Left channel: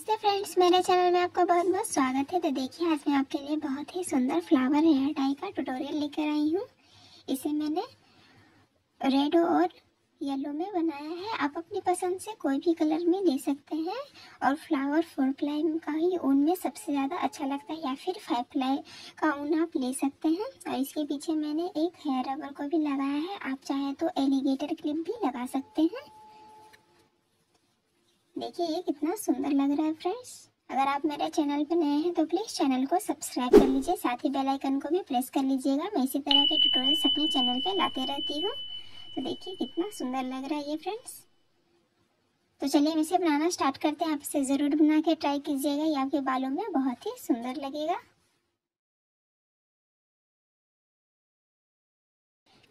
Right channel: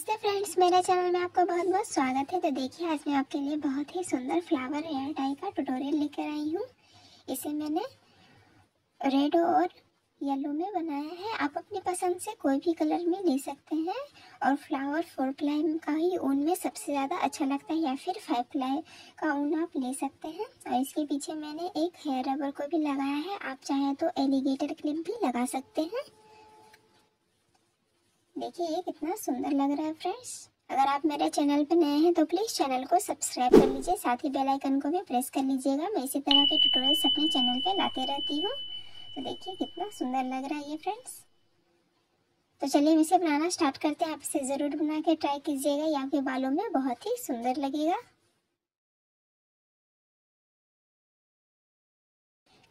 नमस्ते फ्रेंड्स, मेरे चैनल में आपका बहुत बहुत स्वागत है। तो देखिए, आज मैं आपके लिए बहुत ही सुंदर फ्लावर हेयर टाई का ट्यूटोरियल लेकर आई हूँ। इसे मैंने रेड और येलो में बनाया है। आप अपनी पसंद से कोई भी कलर में ले सकते हैं। और फ्लावर 4 प्लाई का ही ऊन में सबसे ज़्यादा अच्छा लगता है, या फिर 5 प्लाई का ऊन आप ले सकते हैं। और इसके पीछे मैंने एक हेयर रबर को भी लगाया है। आप चाहे तो एलिगेटर क्लिप भी लगा सकते हैं। देखिए, ये कितना सुंदर लग रहा है फ्रेंड्स। अगर आप मेरे चैनल पर नए हैं तो प्लीज़ चैनल को सब्सक्राइब कर लीजिए, साथ ही बेल आइकन को भी प्रेस कर लीजिएगा। मैं इसी तरह के ट्यूटोरियल्स अपने चैनल पे लाते रहती हूँ। तो देखिए, कितना सुंदर लग रहा है ये फ्रेंड्स। तो चलिए, हम इसे बनाना स्टार्ट करते हैं। आप इसे ज़रूर बना के ट्राई कीजिएगा, ये आपके बालों में बहुत ही सुंदर लगेगा।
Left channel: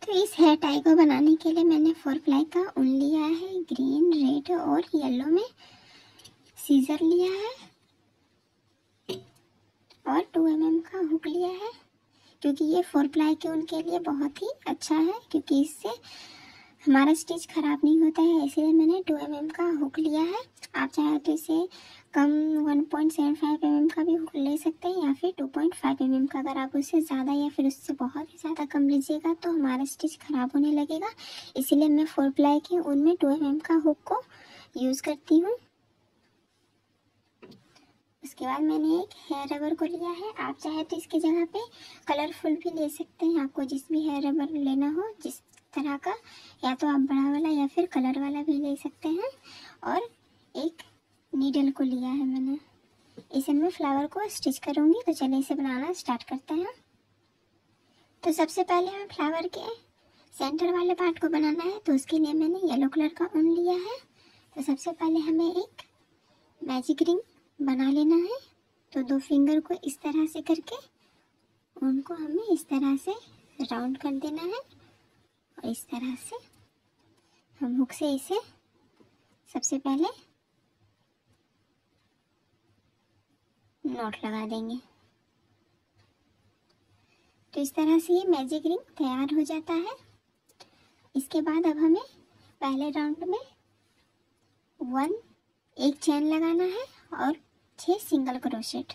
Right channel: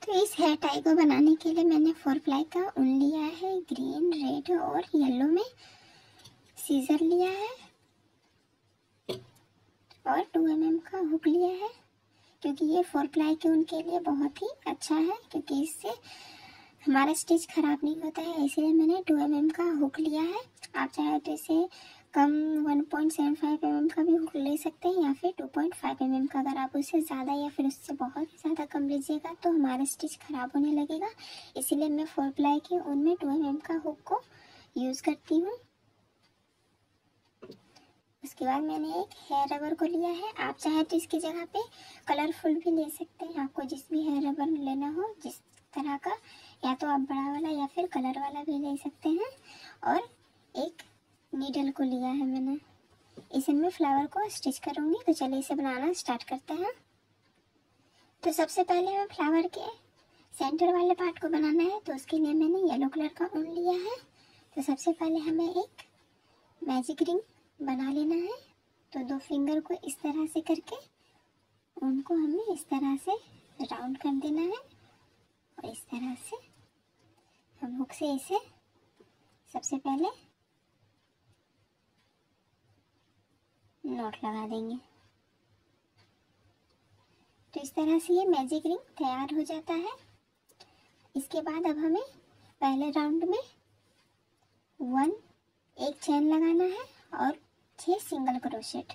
तो इस हेयर टाई को बनाने के लिए मैंने 4 प्लाई का ऊन लिया है। ग्रीन, रेड और येलो में सीजर लिया है और 2 mm का हुक लिया है, क्योंकि ये 4 प्लाई के ऊन के लिए बहुत ही अच्छा है, क्योंकि इससे हमारा स्टिच खराब नहीं होता है। इसलिए मैंने 2 mm का हुक लिया है। आप चाहे तो इसे कम 1.75 mm का भी हुक ले सकते हैं, या फिर 2.5 mm का। अगर आप उससे ज़्यादा या फिर उससे बहुत ही ज़्यादा कम लीजिएगा तो हमारा स्टिच खराब होने लगेगा। इसीलिए मैं 4 प्लाई के ऊन में 2 mm का हुक को यूज़ करती हूँ। उसके बाद मैंने एक हेयर रबर को लिया है। आप चाहे तो इसकी जगह पे कलरफुल भी ले सकते हैं। आपको जिस भी हेयर रबर लेना हो, जिस तरह का, या तो आप बड़ा वाला या फिर कलर वाला भी ले सकते हैं। और एक नीडल को लिया है मैंने। इसे मैं फ्लावर को स्टिच करूँगी। तो चलिए इसे बनाना स्टार्ट करते हैं। तो सबसे पहले हमें फ्लावर के सेंटर वाले पार्ट को बनाना है। तो उसके लिए मैंने येलो कलर का ऊन लिया है। तो सबसे पहले हमें एक मैजिक रिंग बना लेना है। तो 2 फिंगर को इस तरह से करके उनको हमें इस तरह से राउंड कर देना है, और इस तरह से हम हुक से इसे सबसे पहले नॉट लगा देंगे। तो इस तरह से ये मैजिक रिंग तैयार हो जाता है। इसके बाद अब हमें पहले राउंड में एक चैन लगाना है और 6 सिंगल क्रोशेट।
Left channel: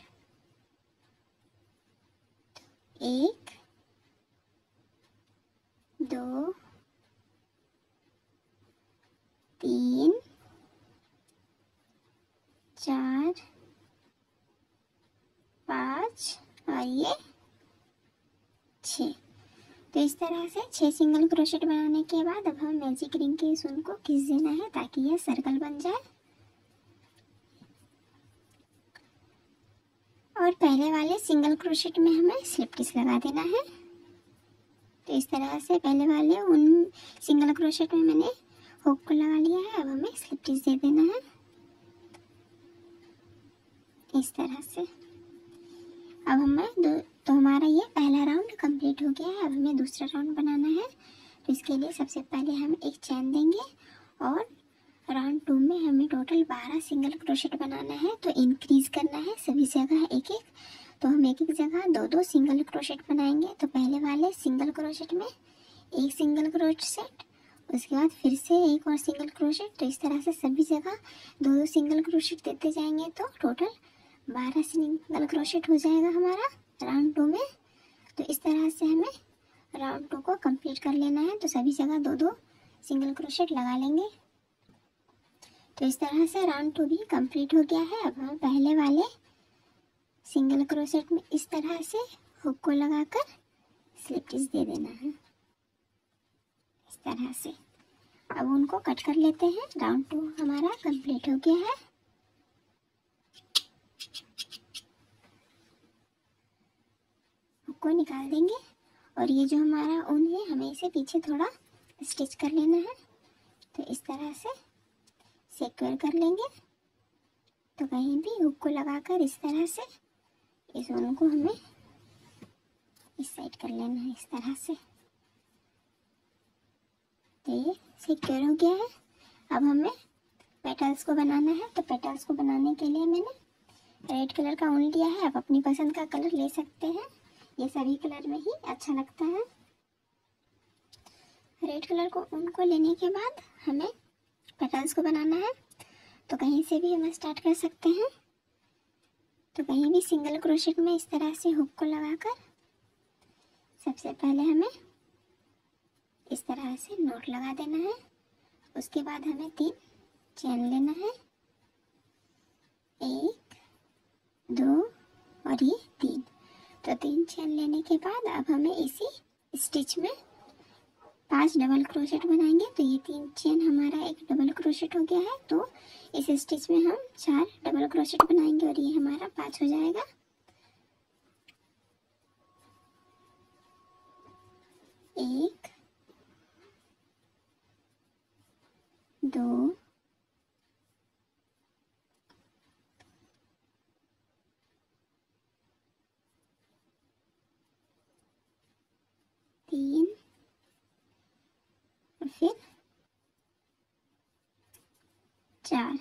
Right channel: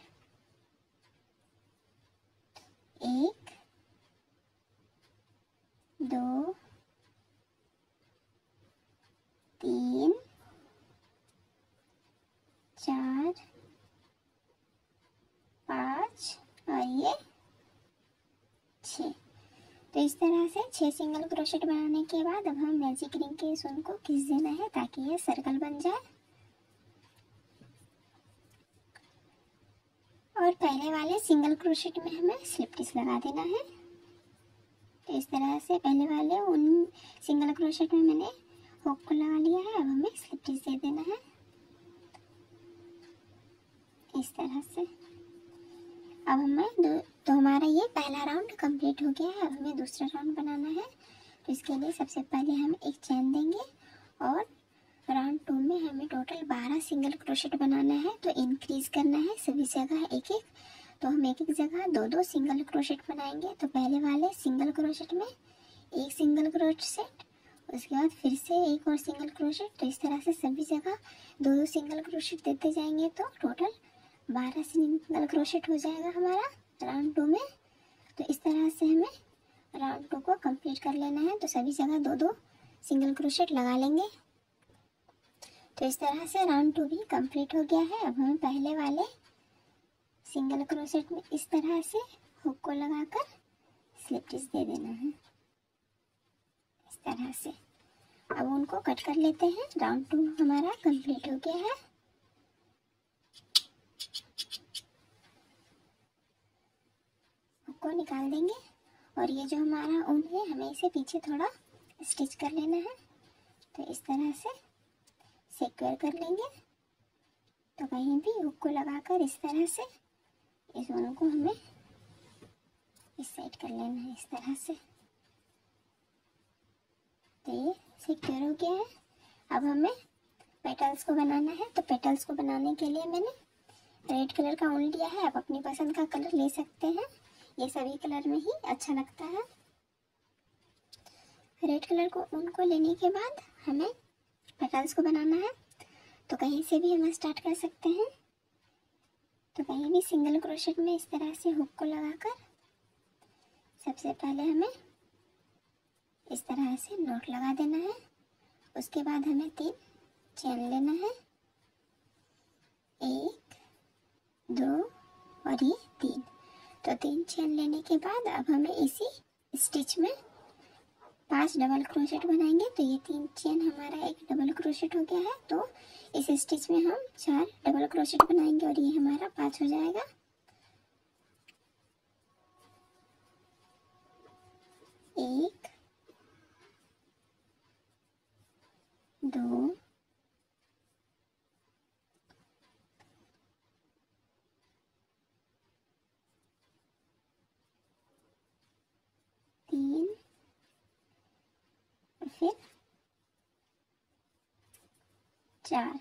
1 2 3 4 5 और ये 6। तो इस तरह से 6 सिंगल क्रोशेट बनाने के बाद अब हम मैजिक रिंग के इस ऊन को खींच देना है, ताकि ये सर्कल बन जाए। और पहले वाले सिंगल क्रोशेट में हमें स्लिप स्टिच लगा देना है। तो इस तरह से पहले वाले उन सिंगल क्रोशेट में मैंने हुक को लगा लिया है। अब हमें स्लिप स्टिच दे देना है इस तरह से। अब हमें तो हमारा ये पहला राउंड कंप्लीट हो गया है। अब हमें दूसरा राउंड बनाना है। तो इसके लिए सबसे पहले हम एक चैन देंगे, और राउंड 2 में हमें टोटल 12 सिंगल क्रोशेट बनाना है। तो इंक्रीज करना है सभी जगह एक एक। तो हम एक एक जगह 2-2 सिंगल क्रोशेट बनाएंगे। तो पहले वाले सिंगल क्रोशेट में एक सिंगल क्रोशेट, उसके बाद फिर से एक और सिंगल क्रोशेट। तो इस तरह से सभी जगह 2-2 सिंगल क्रोशेट देते जाएंगे। तो टोटल 12 सिंगल क्रोशेट हो जाएगा हमारा राउंड 2 में। तो इस तरह से हमें राउंड 2 को कंप्लीट कर लेना है। तो सभी जगह 2-2 सिंगल क्रोशेट लगा लेंगे। तो इस तरह से राउंड 2 भी कंप्लीट हो गया है। अब हमें पहले वाले सिंगल क्रोशेट में इस तरह से हुक को लगाकर स्लिप स्टिच दे देना है इस तरह से। अब उनको कट कर लेते हैं। राउंड 2 हमारा कंप्लीट हो गया है। हुक को निकाल देंगे, और ये जो हमारा ऊन है हमें इसे पीछे थोड़ा स्टिच कर लेना है। तो इस तरह से सिक्योर कर लेंगे। तो कहीं भी हुक को लगाकर इस तरह से इस ऊन को हमें इस साइड कर लेना है इस तरह से। तो ये सिक्योर हो गया है। अब हमें पेटल्स को बनाना है। तो पेटल्स को बनाने के लिए मैंने रेड कलर का ऊन लिया है। आप अपनी पसंद का कलर ले सकते हैं, ये सभी कलर में ही अच्छा लगता है। रेड कलर को ऊन को लेने के बाद हमें पेटल्स को बनाना है। तो कहीं से भी हम स्टार्ट कर सकते हैं। तो कहीं भी सिंगल क्रोशेट में इस तरह से हुक को लगाकर सबसे पहले हमें इस तरह से नॉट लगा देना है। उसके बाद हमें 3 चेन लेना है, 1 2 और ये 3। तो 3 चेन लेने के बाद अब हमें इसी स्टिच में 5 डबल क्रोशेट बनाएंगे। तो ये 3 चेन हमारा एक डबल क्रोशेट हो गया है। तो इस स्टिच में हम 4 डबल क्रोशेट बनाएंगे और ये हमारा 5 हो जाएगा। 1 2 3 और फिर 4।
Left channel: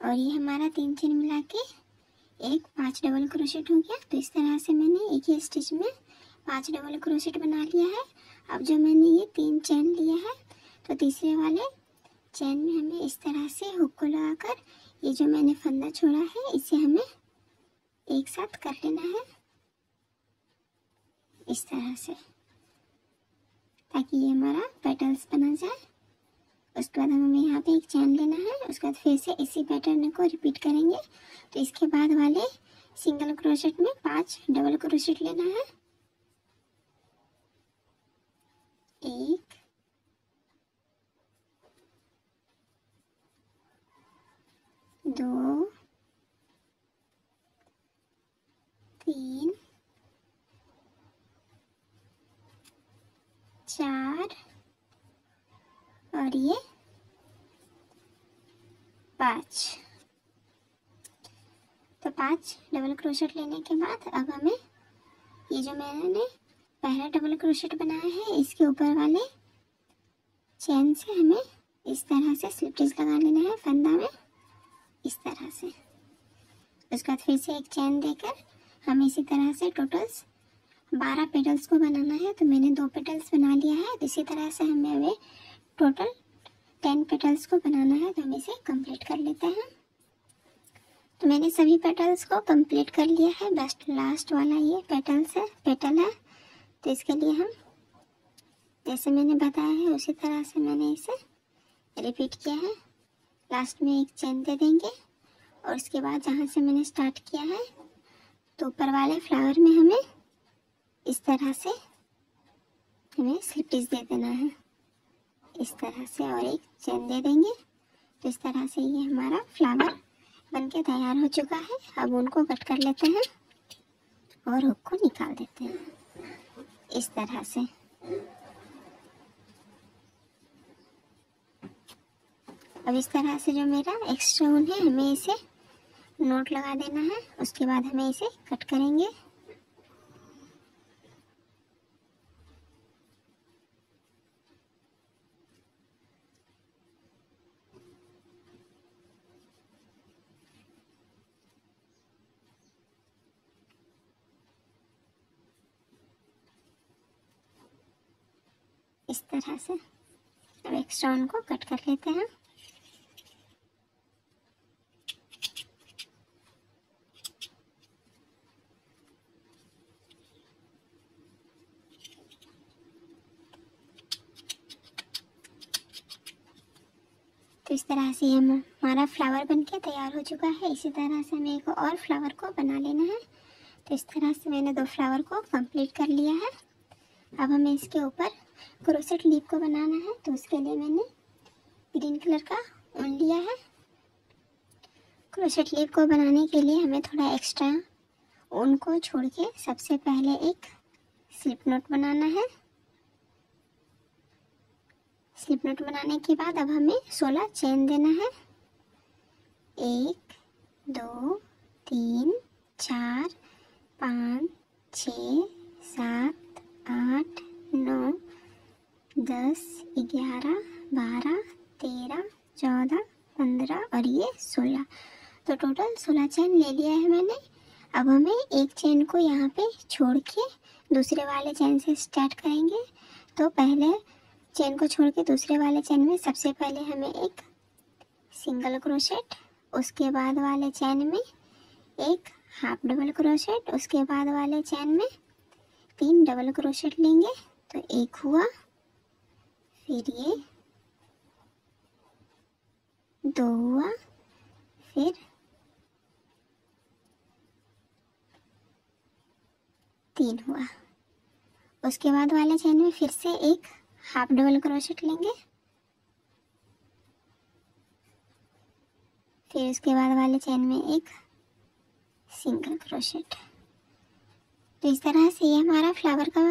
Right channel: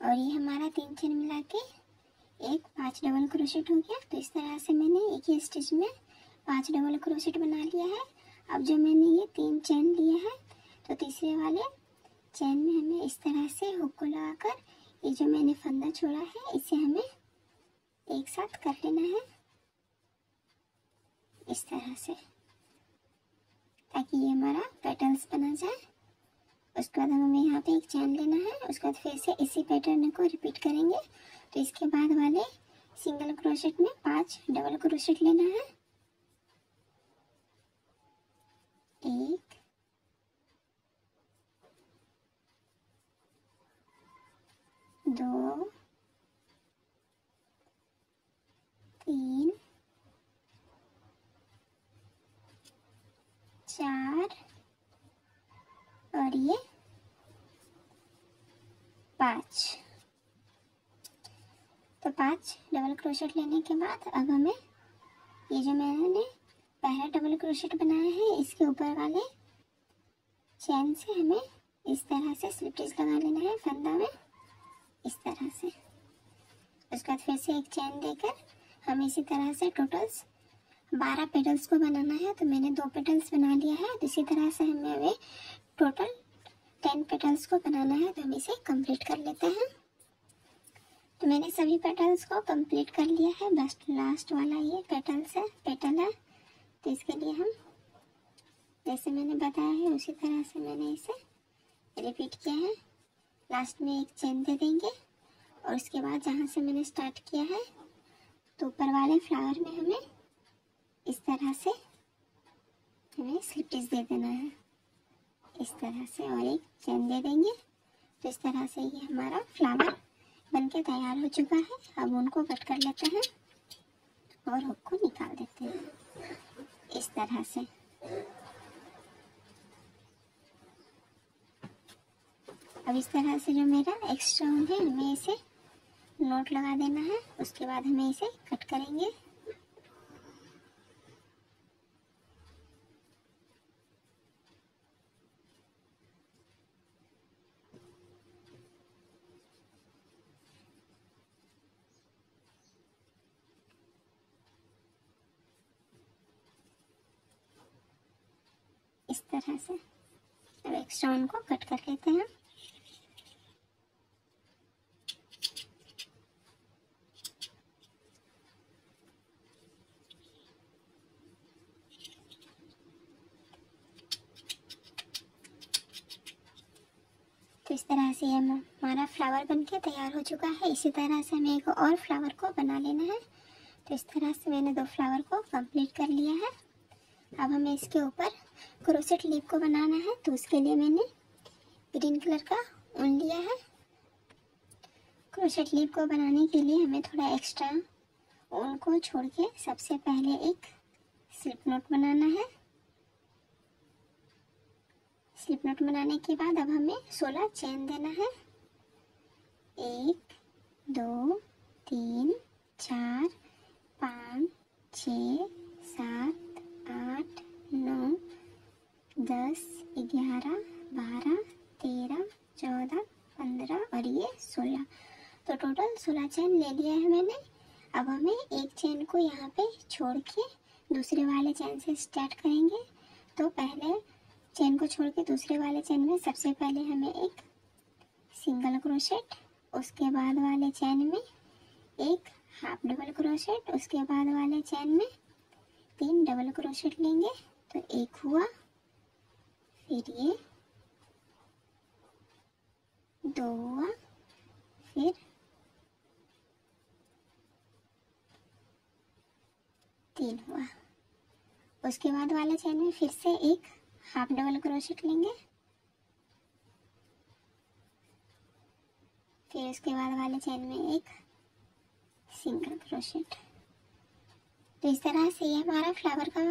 और ये हमारा 3 चेन मिला के एक 5 डबल क्रोशेट हो गया। तो इस तरह से मैंने एक ही स्टिच में 5 डबल क्रोशेट बना लिया है। अब जो मैंने ये 3 चेन लिए है तो तीसरे वाले चेन में हमें इस तरह से हुक को लगाकर ये जो मैंने फंदा छोड़ा है इसे हमें एक साथ कर लेना है इस तरह से, ताकि ये हमारा पेटल्स बना जाए। उसके बाद हमें यहाँ पे एक चैन लेना है। उसके बाद फिर से इसी पैटर्न को रिपीट करेंगे। तो इसके बाद वाले सिंगल क्रोशेट में 5 डबल क्रोशेट लेना है, 1 2 3 4 और ये 5। तो 5 डबल क्रोशेट लेने के बाद अब हमें ये जो मैंने पहला डबल क्रोशेट बनाया है इसके ऊपर वाले चेन से हमें इस तरह से स्लिप स्टिच लगा लेना है फंदा में इस तरह से। उसके बाद फिर से एक चेन देकर हमें इसी तरह से टोटल्स 12 पेटल्स को बनाना है। तो मैंने 2 पेटल्स बना लिया है। तो इसी तरह से हमें अभी टोटल 10 पेटल्स को बनाना है। तो हम इसे कंप्लीट कर लेते हैं। तो मैंने सभी पेटल्स को कंप्लीट कर लिया है। बस लास्ट वाला ये पेटल है। तो इसके लिए हम जैसे मैंने बताया है उसी तरह से मैंने इसे रिपीट किया है। लास्ट में एक चेन दे देंगे और उसके बाद जहाँ से मैंने स्टार्ट किया है तो ऊपर वाले फ्लावर में हमें इस तरह से हमें स्लिप स्टिच दे देना है इस तरह से और एक चेन दे देंगे। तो इस तरह से ये हमारा फ्लावर बनके तैयार हो चुका है। अब उनको कट कर लेते हैं और हुक को निकाल देते हैं इस तरह से। अब इस तरह से जो मेरा एक्स्ट्रा ऊन है हमें इसे नोट लगा देना है। उसके बाद हमें इसे कट करेंगे। इस तरह से अब एक्स्ट्रा ऊन को कट कर लेते हैं। तो इस तरह से हमारा फ्लावर बनके तैयार हो चुका है। इसी तरह से हमें एक और फ्लावर को बना लेना है। तो इस तरह से मैंने 2 फ्लावर को कंप्लीट कर लिया है। अब हमें इसके ऊपर क्रोशेट लीफ को बनाना है। तो उसके लिए मैंने ग्रीन कलर का ऊन लिया है। क्रोशेट लीफ को बनाने के लिए हमें थोड़ा एक्स्ट्रा ऊन को छोड़ के सबसे पहले एक स्लिप नॉट बनाना है। स्लिप नॉट बनाने के बाद अब हमें 16 चेन देना है। 1 2 3 4 5 6 7 8 9 10 11 12 13 14 15 और ये 16। तो टोटल 16 चेन ले लिया है मैंने। अब हमें एक चेन को यहाँ पे छोड़ के दूसरे वाले चेन से स्टार्ट करेंगे। तो पहले चेन को छोड़ के दूसरे वाले चेन में सबसे पहले हमें एक सिंगल क्रोशेट, उसके बाद वाले चेन में एक हाफ डबल क्रोशेट, उसके बाद वाले चेन में 3 डबल क्रोशेट लेंगे। तो एक हुआ, फिर ये 2 हुआ, फिर 3 हुआ। उसके बाद वाले चेन में फिर से एक हाफ डबल क्रोशेट लेंगे, फिर उसके बाद वाले चेन में एक सिंगल क्रोशेट। तो इस तरह से ये हमारा फ्लावर का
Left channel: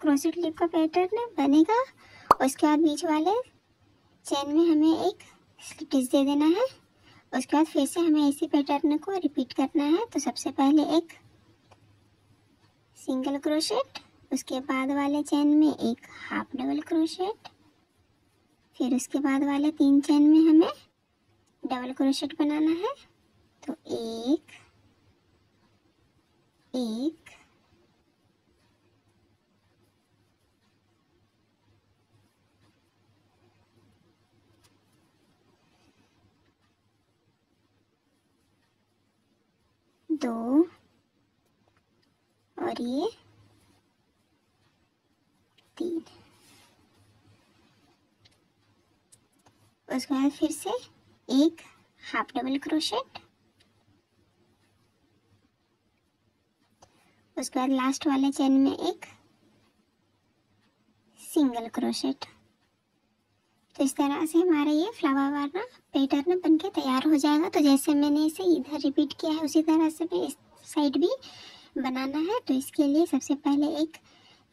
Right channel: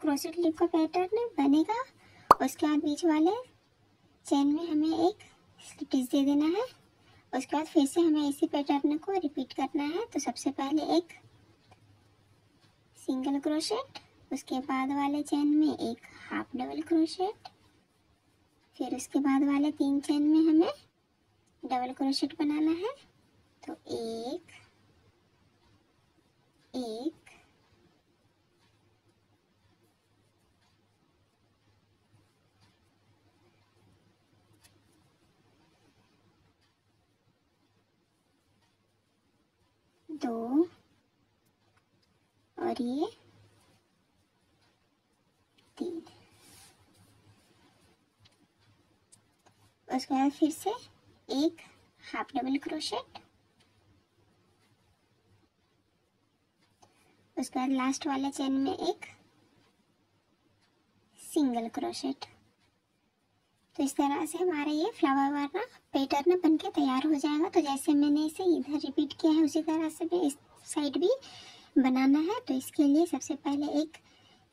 क्रोशेट लीफ का पैटर्न बनेगा। उसके बाद बीच वाले चेन में हमें एक स्लिप दे देना है। उसके बाद फिर से हमें इसी पैटर्न को रिपीट करना है। तो सबसे पहले एक सिंगल क्रोशेट, उसके बाद वाले चेन में एक हाफ डबल क्रोशेट, फिर उसके बाद वाले 3 चेन में हमें डबल क्रोशेट बनाना है। तो एक, 2 और ये 3। उसके बाद फिर से एक हाफ डबल क्रोशेट, उसके बाद लास्ट वाले चेन में एक सिंगल क्रोशेट। तो इस तरह से हमारा ये फ्लावर वाला पैटर्न बनके तैयार हो जाएगा। तो जैसे मैंने इसे इधर रिपीट किया है उसी तरह से इस साइड भी बनाना है। तो इसके लिए सबसे पहले एक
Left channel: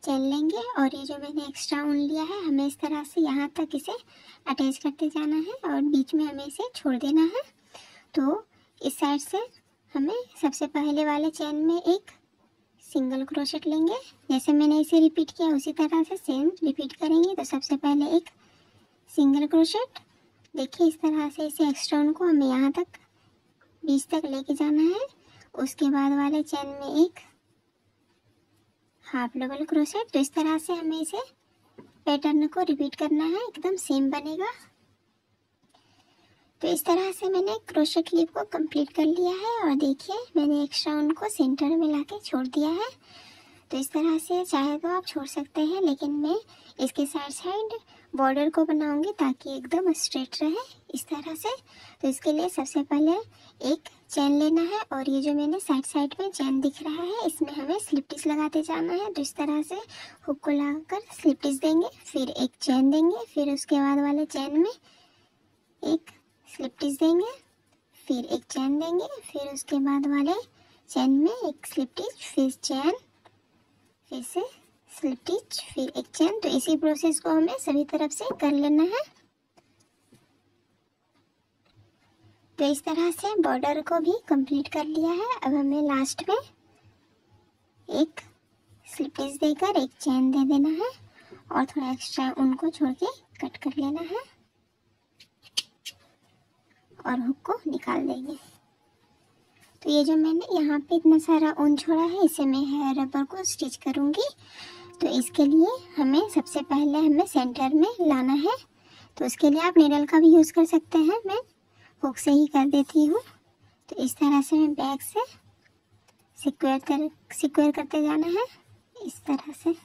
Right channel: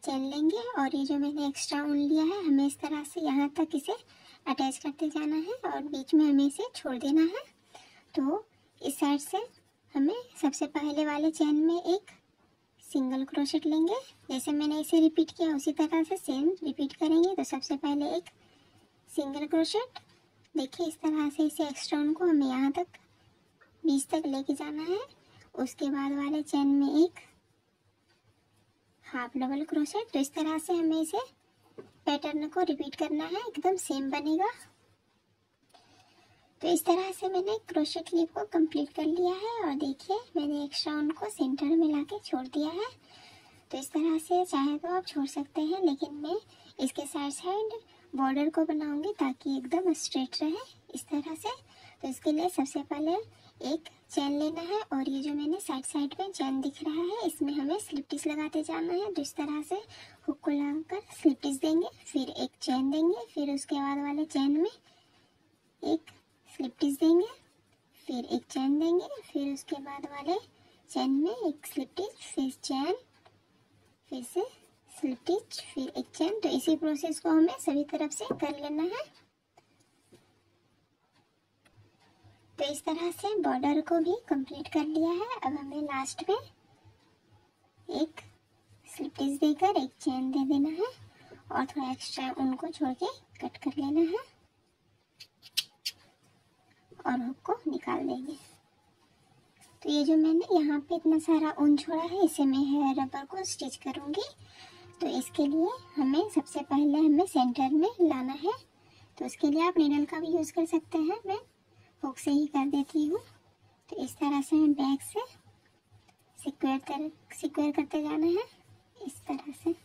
चेन लेंगे और ये जो मैंने एक्स्ट्रा ऊन लिया है हमें इस तरह से यहाँ तक इसे अटैच करते जाना है और बीच में हमें इसे छोड़ देना है। तो इस साइड से हमें सबसे पहले वाले चेन में एक सिंगल क्रोशेट लेंगे। जैसे मैंने इसे रिपीट किया उसी तरह से सेम रिपीट करेंगे। तो सबसे पहले एक सिंगल क्रोशेट, देखिए इस तरह से इसे एक्स्ट्रा ऊन को हमें यहाँ तक बीच तक लेके जाना है। उसके बाद वाले चेन में एक हाफ डबल क्रोशेट। तो इस तरह से हमें इसे पैटर्न को रिपीट करना है, एकदम सेम बनेगा। तो इस तरह से मैंने क्रोशेट लीफ को कंप्लीट कर लिया है और देखिए मैंने एक्स्ट्रा ऊन को सेंटर में लाके छोड़ दिया है। तो इस तरह से चाहे तो आप छोड़ सकते हैं, लेकिन मैं इसके साइड बॉर्डर को बनाऊंगी ताकि एकदम स्ट्रेट रहे इस तरह से। तो इसके लिए सबसे पहले एक चेन लेना है और ये जो मैंने साइड में चेन दिख रहा है इसमें हमें स्लिप टिच लगाते जाना है। तो इस तरह से हुक को लगाकर स्लिप टिच देंगे, फिर एक चेन देंगे, फिर उसके बाद वाले चेन में एक स्लिप टिच देंगे, फिर एक चेन देंगे, फिर उसके बाद वाले चेन में एक स्लिप टिच, फिर चेन, फिर से स्लिप टिच, फिर एक चेन। तो इसी प्रोसेस को हमें सभी तरफ से कर लेना है। तो इस तरह से बॉर्डर को भी कंप्लीट कर लिया है। अब हमें लास्ट में एक स्लिप टिच देकर एक चेन दे देना है और थोड़ा एक्स्ट्रा उनको छोड़ के कट कर लेना है और हुक को निकाल देंगे। तो ये जो मैंने यहाँ पे इतना सारा ऊन छोड़ा है इसे मैं हेयर रबर को स्टिच करूँगी। तो इसके लिए हमें सबसे पहले हमें सेंटर में लाना है। तो उसके लिए आप नीडल का भी यूज़ कर सकते हैं, मैं हुक से ही कर देती हूँ। तो इस तरह से मैं बैक से सिक्वेयर करते जाना है इस तरह से।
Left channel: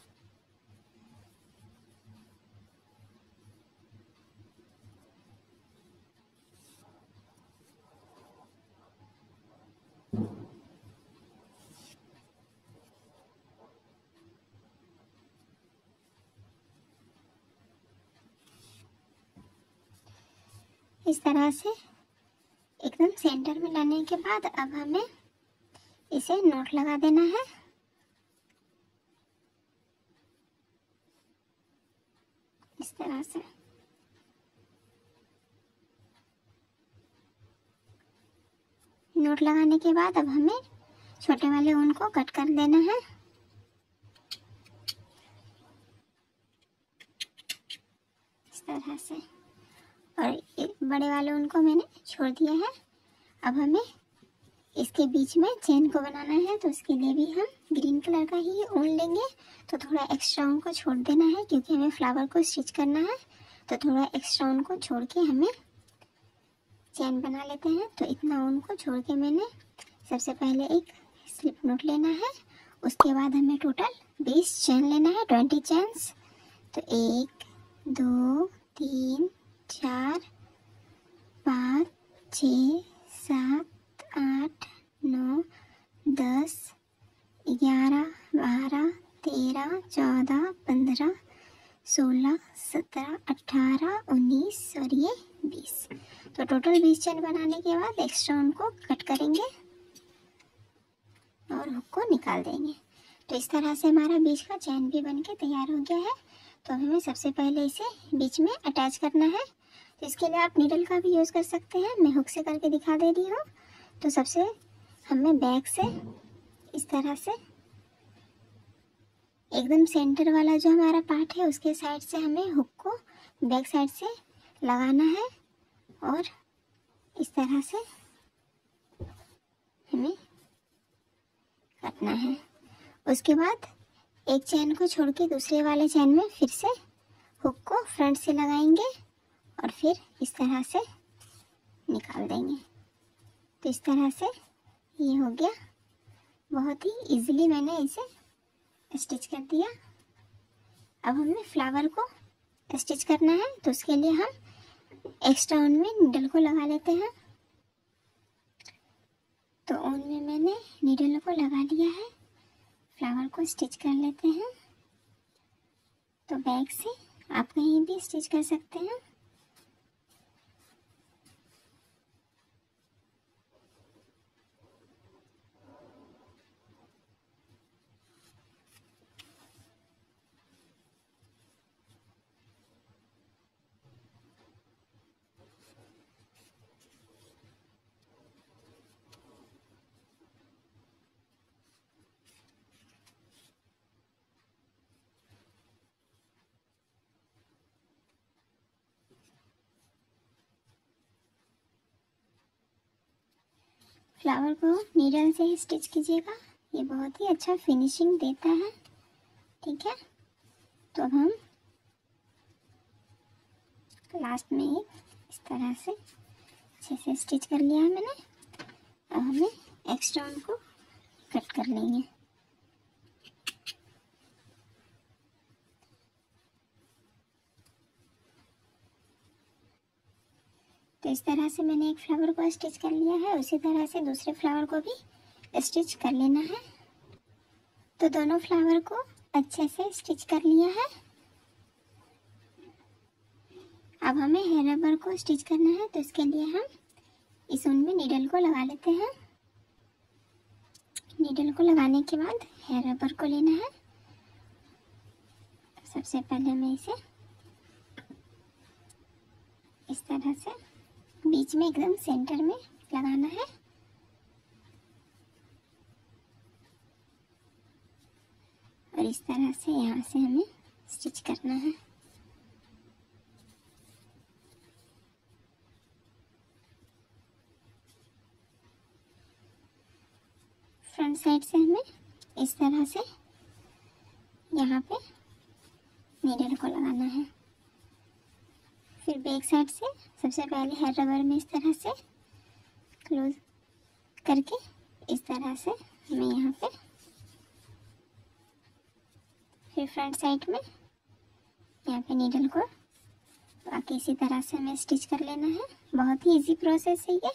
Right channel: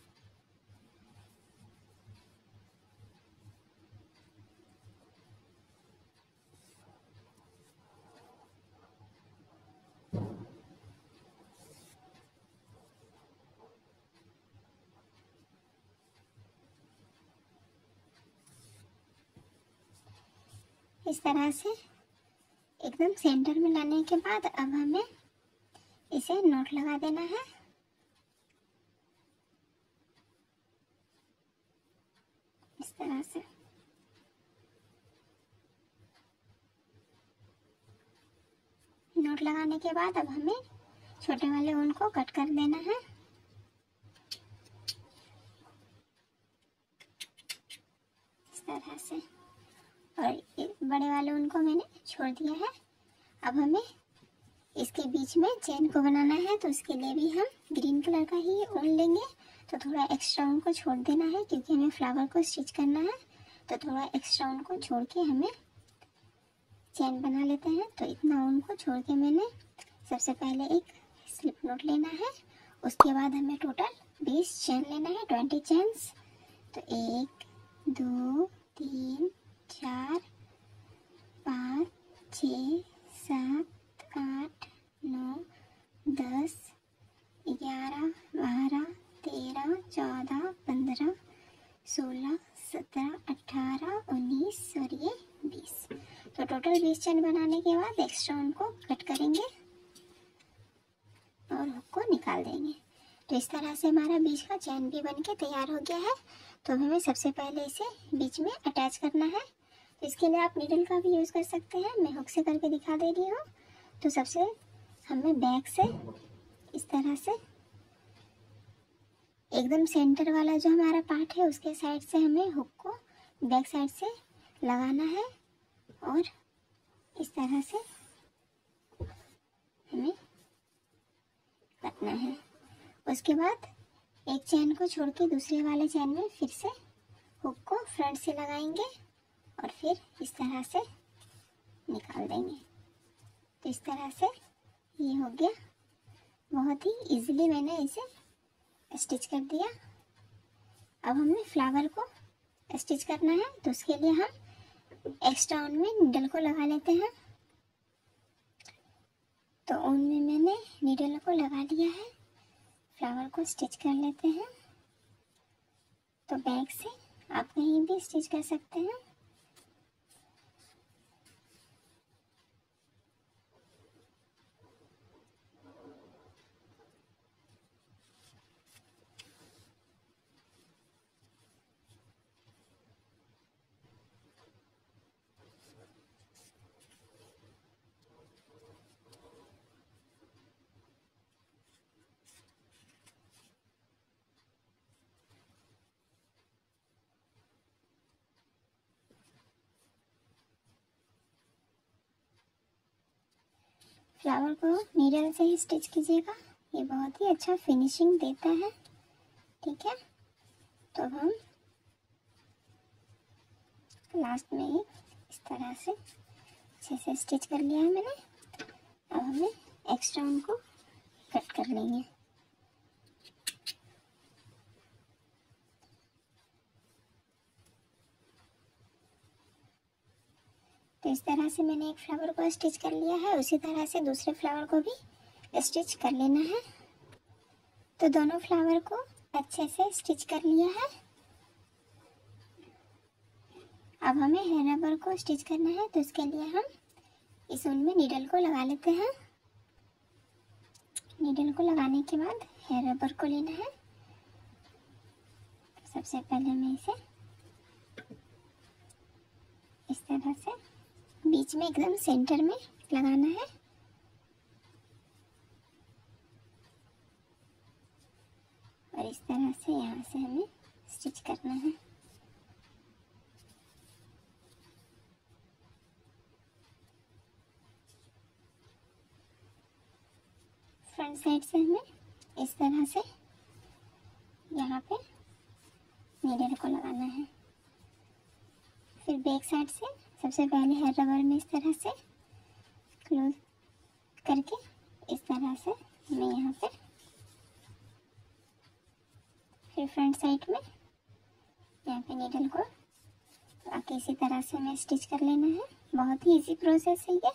इस तरह से एकदम सेंटर में लाने के बाद अब हमें इसे नॉट लगा देना है। इस तरह से नॉट लगाने के बाद अब हमें छोटे वाले ऊन को कट कर देना है। इस तरह से, और बड़े वाले ऊन को मैंने छोड़ दिया है। अब हमें इसके बीच में चेन को बनाना है। तो उसके लिए भी हम ग्रीन कलर का ही ऊन लेंगे। तो थोड़ा एक्स्ट्रा ऊन को छोड़ देना है, क्योंकि हमें फ्लावर को स्टिच करना है। तो थोड़ा एक्स्ट्रा ऊन को छोड़ के हमें चैन बना लेते हैं। तो इतना ऊन को छोड़ के मैंने सबसे पहले एक स्लिप नॉट लेना है। उसके बाद हमें टोटल 20 चैन लेना है, 20 चैन्स। तो 1 2 3 4 5 6 7 8 9 10 11 12 13 14 15 16 17 18 19 और ये 20। तो टोटल 20 चैन बनाने के बाद एक्स्ट्रा उनको कट करेंगे और हुक को निकाल देंगे। तो इस तरह से हमारा बीच का चैन भी बनके तैयार हो गया है। तो हमें सबसे पहले इसे बीच में अटैच करना है। तो इसके लिए आप नीडल का भी यूज़ कर सकते हैं, मैं हुक से करके दिखा दे रही हूँ। तो सबसे हमें बैक से इस तरह से एकदम सेंटर वाला जो हमारा पार्ट है उसके साइड से हमें हुक को बैक साइड से लगाना है और इस तरह से हमें कटना है। उसके बाद एक चैन को छोड़ के दूसरे वाले चैन में फिर से हुक को फ्रंट से लगाएंगे और फिर इस तरह से निकाल देंगे। तो इस तरह से ये हो गया। बहुत ही इजीली मैंने इसे स्टिच कर दिया। अब हमें फ्लावर को स्टिच करना है। तो उसके लिए हम एक्स्ट्रा ऊन में नीडल को लगा लेते हैं। तो ऊन में मैंने नीडल को लगा लिया है। फ्लावर को स्टिच कर लेते हैं। तो बैक से आप कहीं भी स्टिच कर सकते हैं। फ्लावर को नीडल से ही स्टिच कीजिएगा, ये बहुत ही अच्छा फिनिशिंग देता है। ठीक है, तो हम लास्ट में ही इस तरह से अच्छे से स्टिच कर लिया है मैंने। अब हमें एक्स्ट्रा उनको कट कर लेंगे। तो इस तरह से मैंने एक फ्लावर को स्टिच कर लिया है। उसी तरह से दूसरे फ्लावर को भी स्टिच कर लेना है। तो दोनों फ्लावर को अच्छे से स्टिच कर लिया है। अब हमें हेयर रबर को स्टिच करना है। तो इसके लिए हम इस ऊन में नीडल को लगा लेते हैं। नीडल को लगाने के बाद हेयर रबर को लेना है। तो सबसे पहले मैं इसे इस तरह से बीच में एकदम सेंटर में लगाना है और इस तरह से यहाँ से हमें स्टिच करना है। फ्रंट साइड से हमें इस तरह से यहाँ पे नीडल को लगाना है। फिर बैक साइड से सबसे पहले हेयर रबर में इस तरह से क्लोज करके इस तरह से मैं यहाँ पे, फिर फ्रंट साइड में यहाँ पे नीडल को बाकी इसी तरह से हमें स्टिच कर लेना है। बहुत ही इजी प्रोसेस है ये।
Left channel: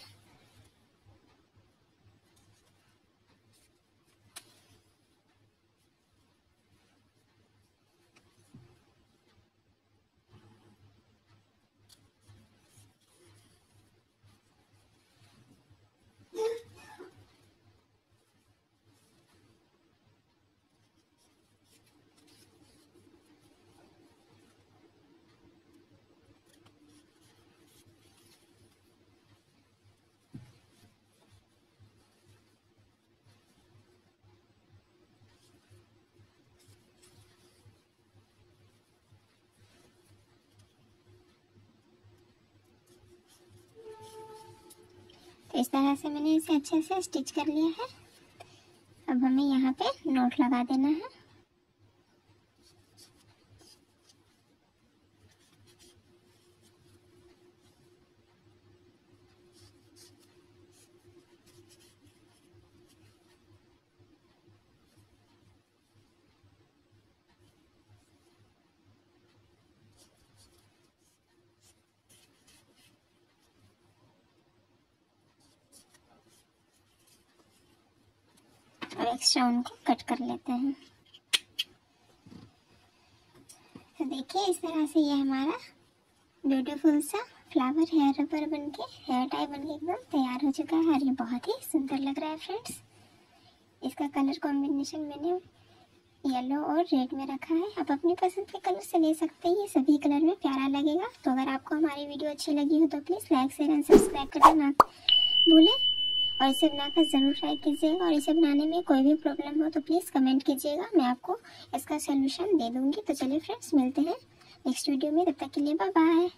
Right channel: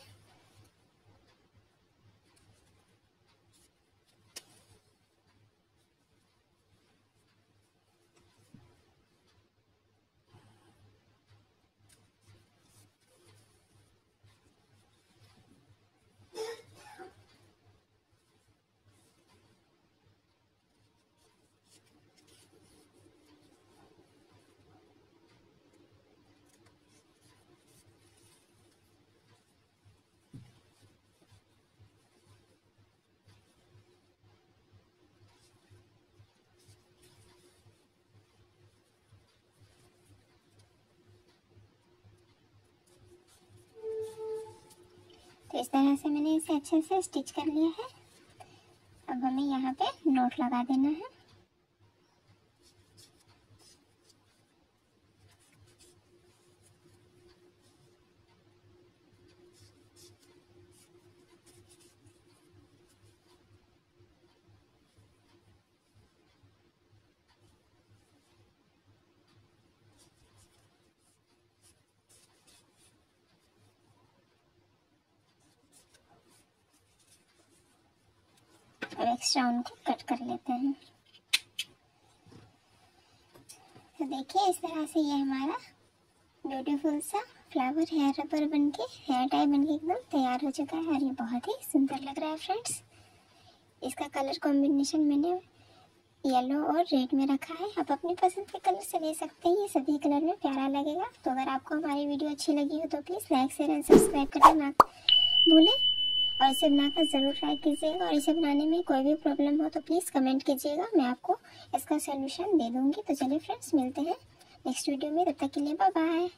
तो इस तरह से मैंने इसे अच्छे से स्टिच कर लिया है। अब हमें यहाँ पे नॉट लगा देना है। नेक्स्ट राउंड को कट कर लेते हैं। तो देखिए इस तरह से ये हमारा ब्यूटीफुल सा फ्लावर हेयर रबर बनके, हेयर टाई बनके एकदम तैयार हो चुका है और ये बहुत ही सुंदर लग रहा है फ्रेंड्स। इसका कलर कॉम्बिनेशन मैंने येलो और रेड में रखा है। आप अपनी पसंद के कलर से ले सकते हैं, ये सभी कलर में प्यारा लगेगा। तो अगर आपको हमारी वीडियो अच्छी लगी हो तो please like share and subscribe करना ना भूलें और इसे बनाकर ज़रूर ट्राई कीजिएगा। और इसे बनाने में कोई भी प्रॉब्लम हो तो प्लीज़ कमेंट कीजिएगा, मैं आपको इसका सोल्यूशन दे दूँगी। तो चलिए फ्रेंड्स, मिलते हैं नेक्स्ट वीडियो में, तब तक के लिए बाय बाय।